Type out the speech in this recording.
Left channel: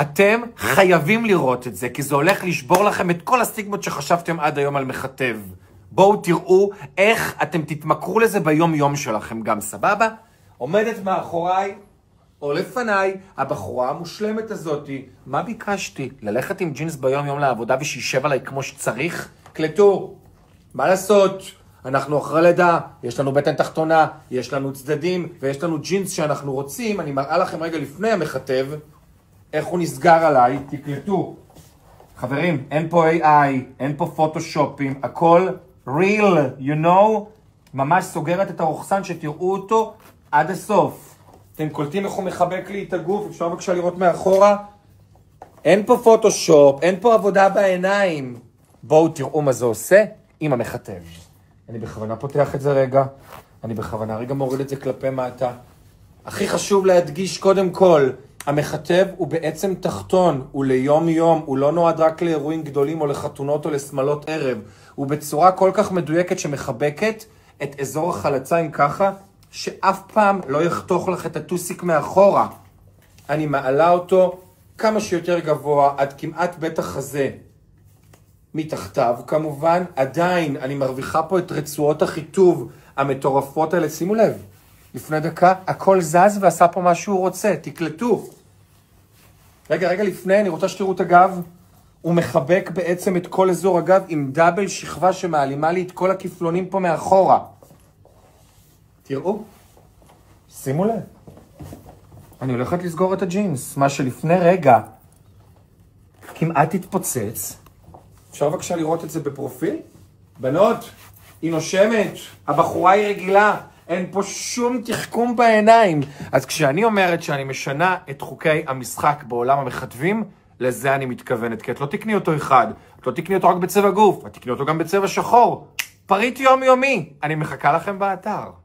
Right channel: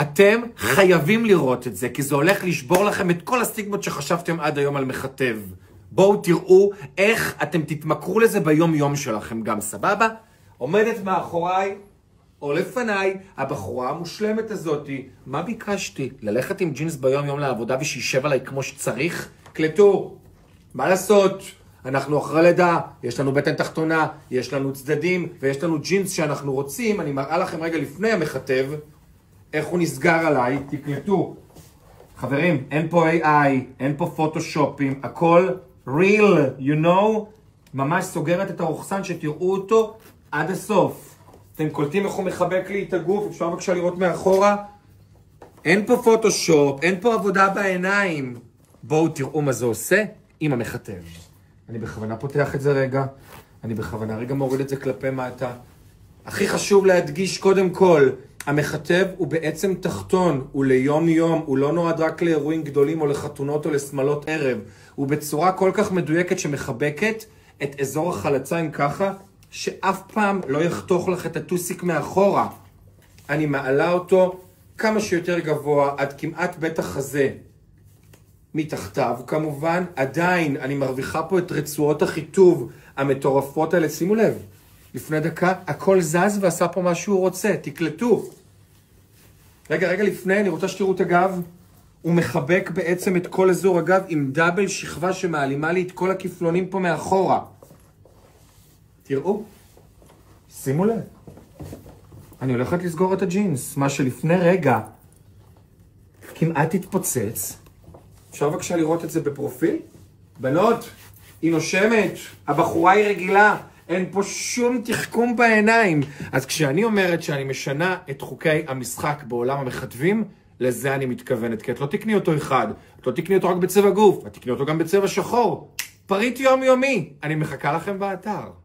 אתם חייבים לראות את זה, כי זה הולך לשבור לכם את כל הסטיגמות שחשבתם עד היום על מכתב. בואו תראו איך אתם תתמכרו לזה ביום יום שלכם גם, סבבה? עומדת מאחוריי או לפניי הבחורה המושלמת הזאת. מה ביקשתי? ללכת עם ג'ינס ביום יום לעבודה ושישב עליי כמו שצריך? קלטו, מה לעשות? אנחנו אחרי לידה, יש לנו בטן תחתונה, יש לנו צדדים ויש לנו ג'ינס שאנחנו רוצים. אני מראה לכם רגע לפני המכתב איך הוא נסגר עליי, תקלטו. חברים, אין פה AI, אין פה פוטושופים, הכל real, you know, ממש סוגרת את הרוחסן שתראו אותו עד הסוף. אתם קולטים איך הוא מחבק לי את הגוף, אפשר בבקשה לראות מאחורה? אין פה פוטושופ, אין פה עבודה בעיניים. בואו תראו מה זה עושה עם המכתב. אני בכוונה פותח את זה רגע, אני בכוונה רגע מוריד את זה כלפי מטה. הכי חשוב להדגיש קודם כל, המכתב הוא בעצם תחתון, הוא ליום יום, הוא לא נועד רק לאירועים גדולים או לחתונות או לשמלות ערב. הוא בצורה כל כך מדויקת שמחבקת את אזור החלציים ככה, שאף פעם לא יחתוך לך את הטוסיק מאחורה. אני מעלה אותו כמה שיותר גבוה, עד כמעט בית החזה. מתחתיו כמובן, עדיין אני מרוויחה פה את רצועות החיטוב המטורפות האלה. שימו לב, לפני דקה הכל זז ועשה פה מה שהוא רוצה, תקלטו. רגע לפני, אני רוצה שתראו את הגב. הוא מחבק בעצם את כל אזור הגב עם דאבל שכבה שמעלימה לי את כל הכפלונים פה מאחורה. תראו, שימו לב. אני הולכת לסגור את הג'ינס, מה שלפני רגע כמעט התפוצץ. אפשר בבקשה לראות את זה בפרופיל? בנות, היא נושמת, הבחורה היא רגילה, אין פה שום תחכום בעיניים. אז כשאני אומרת שאני משנה את חוקי המשחק בעולם המכתבים, לזה אני מתכוונת, כי את לא תקני אותו אחד, את לא תקני אותו רק בצבע גוף, את תקני אותו גם בצבע שחור. פריט יומיומי, אני מחכה לכם באתר.